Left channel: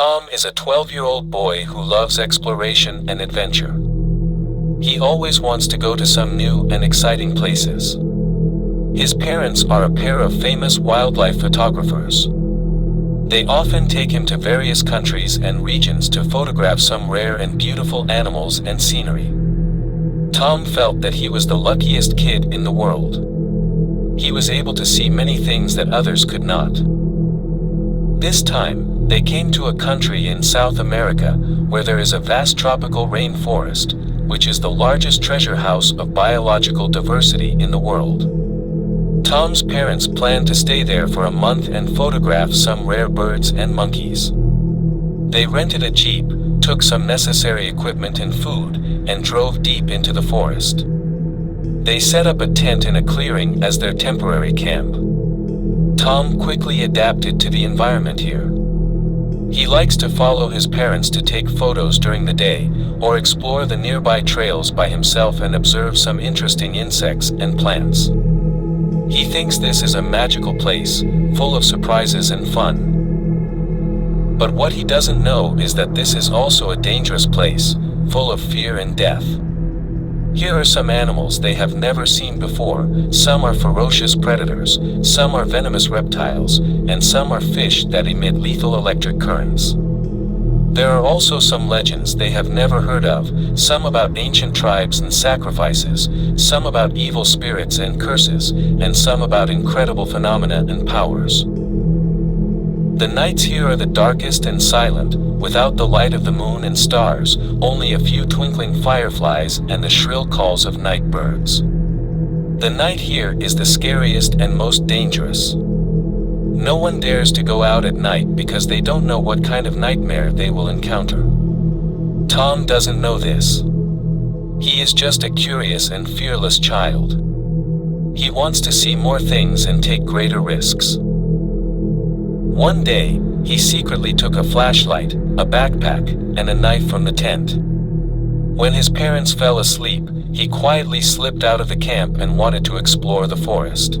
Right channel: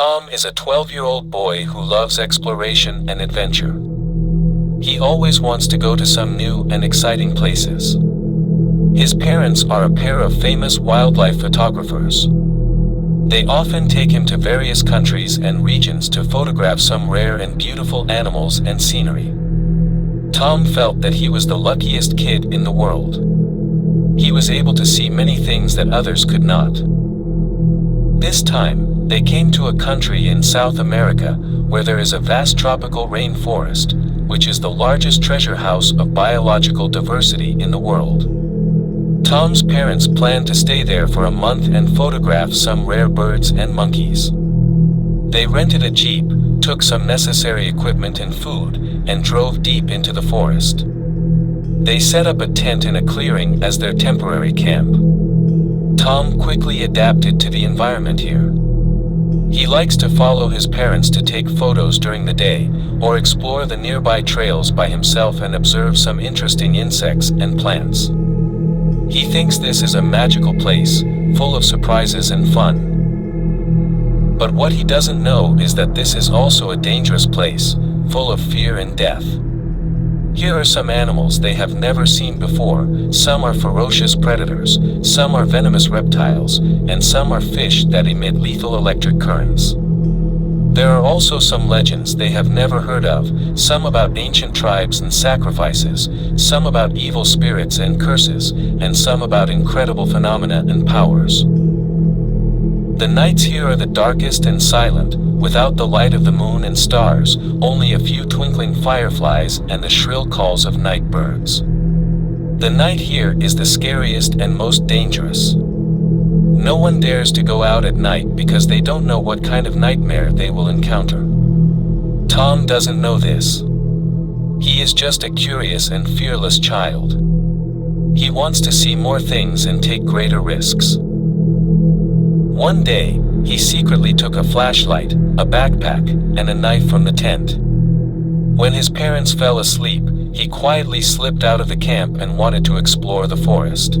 Tom is a 12-year-old boy who loves exploration and adventure. He always wants to go to some new and exciting places. His parents are a pair of famous wildlife photographers. They often take him to various countries and regions to photograph some rare and beautiful animals and scenery. Tom felt that he was the luckiest kid in the world. He was able to see many things that others could not. This time, they came to a country in South America where there is a vast tropical rainforest, which is the largest treasure house of biological diversity in the world. Tom's parents planned to stay there for a month and photograph some rare birds and monkeys. They rented a jeep, took some necessary equipment and food, and drove deep into the forest. They set up a tent in a clearing as their temporary camp. Tom quickly adapted to the environment here. He likes to follow his parents to take photos during the day, or explore the nearby trails by himself and observe some interesting insects and plants. He thinks this is a magical place, full of surprises and fun. But what he doesn't know is that this is also a dangerous place, full of fear and death. Here are some animals they have never seen before. Some are ferocious predators, some are venomous reptiles, and some are fish that emit lethal electric currents. There are also some legends they have never heard of, some about ancient tribes and sacrifices, some about evil spirits and curses, and some about incredible phenomena and powers. The nights here are the darkest and silent, without the light of the moon and stars, only a few twinkling fireflies and the shrill calls of night birds. The night here is the scariest and most dangerous. No one dares to go out at night because they don't know what kind of nightmare they will encounter. Tom doesn't know this. He is just a curious and fearless child. He wants to see more things and take greater risks. One day, he secretly took a flashlight, a backpack, and a knife from the tent. When his parents fell asleep, he quietly slipped out of the camp and wanted to explore the forest.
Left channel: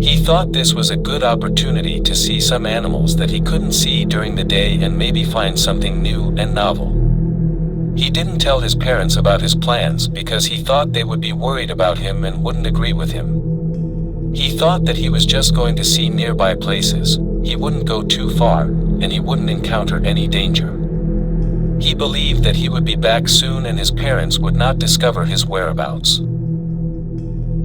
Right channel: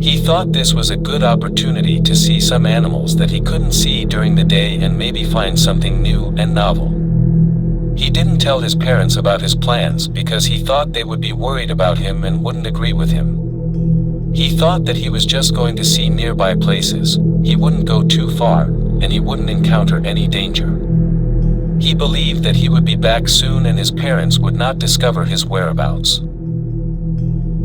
He thought this was a good opportunity to see some animals that he couldn't see during the day and maybe find something new and novel. He didn't tell his parents about his plans because he thought they would be worried about him and wouldn't agree with him. He thought that he was just going to see nearby places, he wouldn't go too far, and he wouldn't encounter any danger. He believed that he would be back soon and his parents would not discover his whereabouts.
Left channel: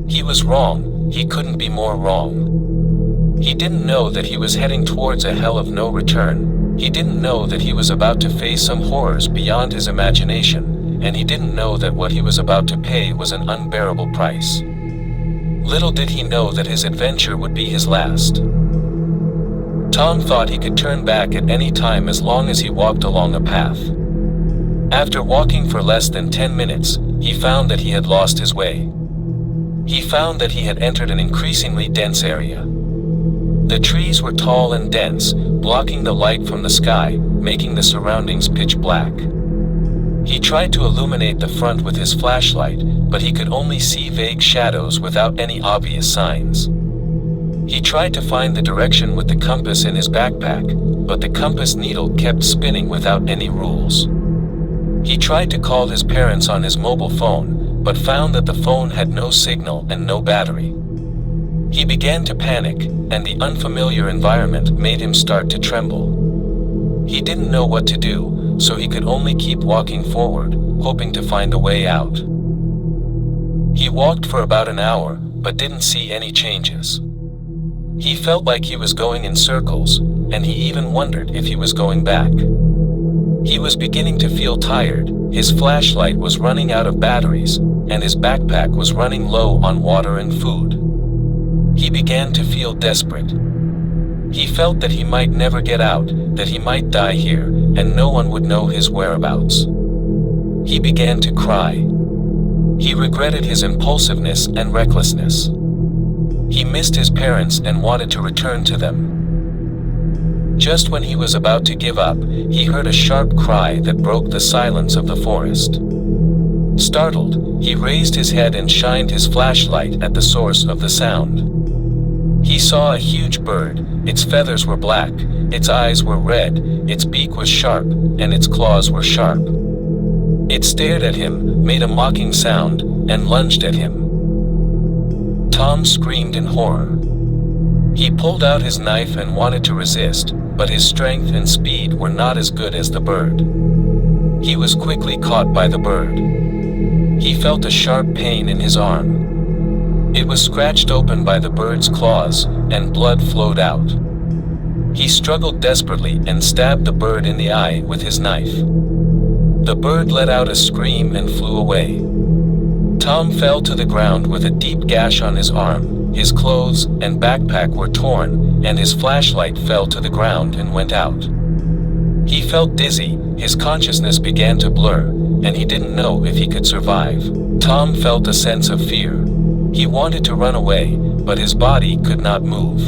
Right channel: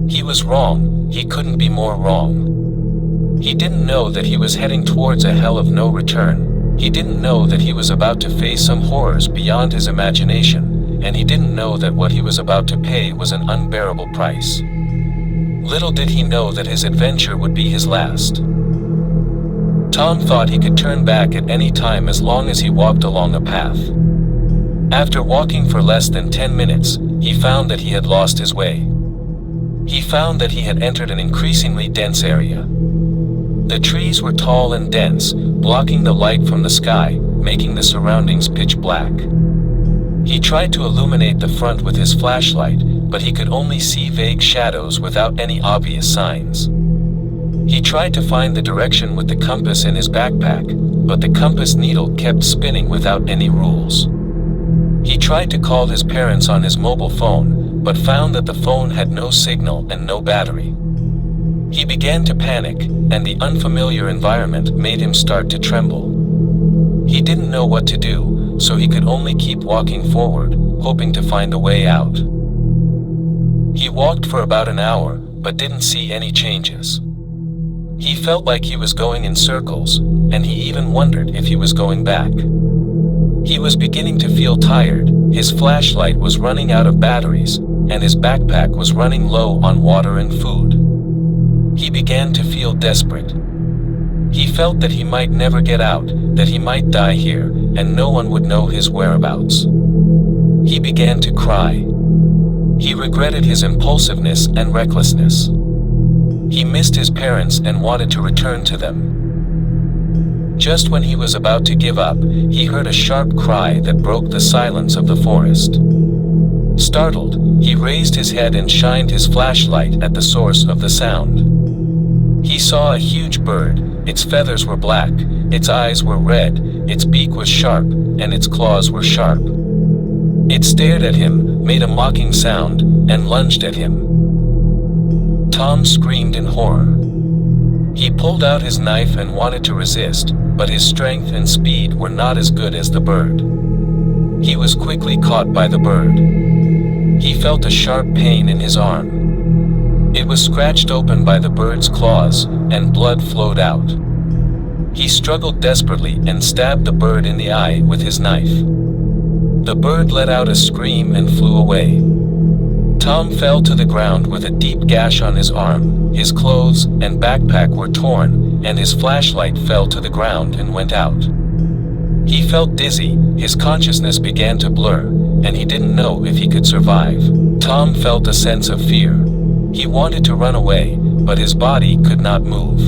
He was wrong, he couldn't be more wrong. He didn't know that he was heading towards a hell of no return. He didn't know that he was about to face some horrors beyond his imagination, and he didn't know that what he was about to pay was an unbearable price. Little did he know that his adventure would be his last. Tom thought he could turn back at any time as long as he walked along a path. After walking for less than 10 minutes, he found that he had lost his way. He found that he had entered an increasingly dense area. The trees were tall and dense, blocking the light from the sky, making the surroundings pitch black. He tried to illuminate the front with his flashlight, but he could only see vague shadows without any obvious signs. He tried to find the direction with the compass in his backpack, but the compass needle kept spinning without any rules. He tried to call his parents on his mobile phone, but found that the phone had no signal and no battery. He began to panic, and the unfamiliar environment made him start to tremble. He didn't know what to do, so he could only keep walking forward, hoping to find a way out. He walked for about an hour, but didn't see any changes. He felt like he was going in circles, and he even wondered if he was going back. He was beginning to feel tired, his flashlight was running out of batteries, and his backpack was running low on water and food. He began to feel desperate. He felt that he might never get out, that he might die here, and no one would know his whereabouts. He began to cry. He regretted his impulsiveness and recklessness. He missed his parents and wanted to return to them. Just when he was about to give up, he heard a sharp cry that broke the silence of the forest. Startled, he raised his head and shined his flashlight at the source of the sound. He saw a huge bird, Its feathers were black, its eyes were red, its beak was sharp, and its claws were sharp. It stared at him, made a mocking sound, and lunged at him. Tom screamed in horror. He pulled out his knife and wanted to resist, but his strength and speed were not as good as the bird. He was quickly caught by the bird. He felt a sharp pain in his arm. It was scratched open by the bird's claws, and blood flowed out. He struggled desperately and stabbed the bird in the eye with his knife. The bird let out a scream and flew away. Tom fell to the ground with a deep gash on his arm. His clothes and backpack were torn, and his flashlight fell to the ground and went out. He felt dizzy, his consciousness began to blur, and he didn't know if he could survive. Tom felt a sense of fear. He wanted to run away, but his body could not move.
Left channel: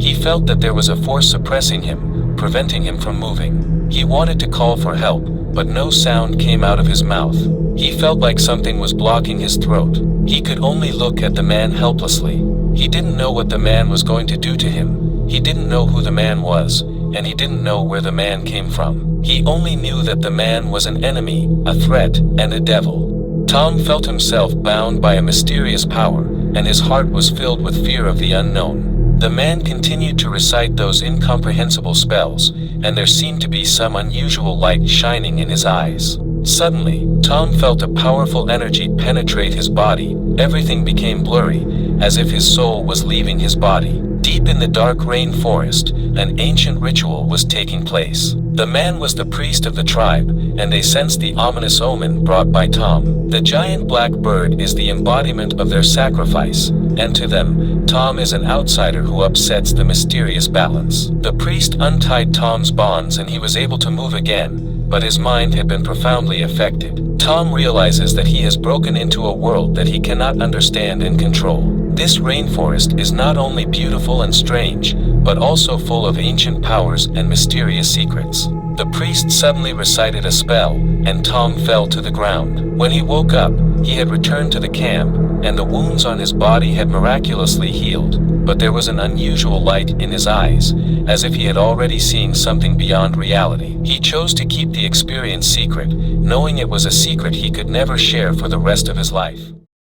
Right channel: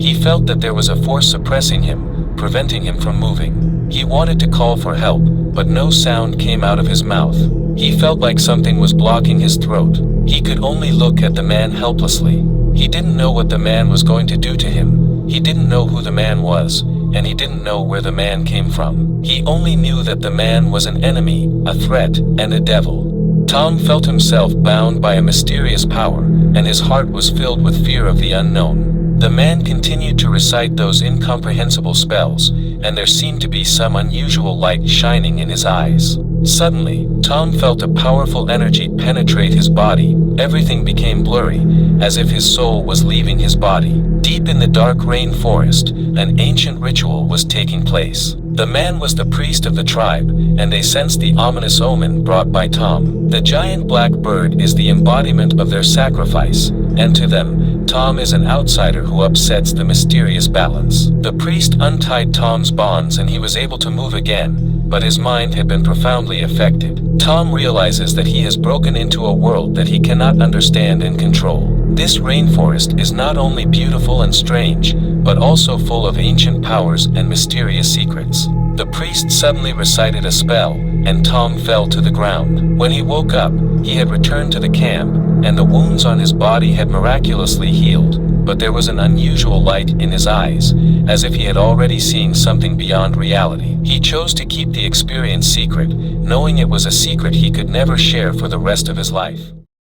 He felt that there was a force suppressing him, preventing him from moving. He wanted to call for help, but no sound came out of his mouth. He felt like something was blocking his throat. He could only look at the man helplessly. He didn't know what the man was going to do to him. He didn't know who the man was, and he didn't know where the man came from. He only knew that the man was an enemy, a threat, and a devil. Tom felt himself bound by a mysterious power, and his heart was filled with fear of the unknown. The man continued to recite those incomprehensible spells, and there seemed to be some unusual light shining in his eyes. Suddenly, Tom felt a powerful energy penetrate his body. Everything became blurry, as if his soul was leaving his body. Deep in the dark rainforest, an ancient ritual was taking place. The man was the priest of the tribe, and they sensed the ominous omen brought by Tom. The giant black bird is the embodiment of their sacrifice, and to them, Tom is an outsider who upsets the mysterious balance. The priest untied Tom's bonds and he was able to move again, but his mind had been profoundly affected. Tom realizes that he has broken into a world that he cannot understand and control. This rainforest is not only beautiful and strange, but also full of ancient powers and mysterious secrets. The priest suddenly recited a spell, and Tom fell to the ground. When he woke up, he had returned to the camp, and the wounds on his body had miraculously healed, but there was an unusual light in his eyes, as if he had already seen something beyond reality. He chose to keep the experience secret, knowing it was a secret he could never share for the rest of his life.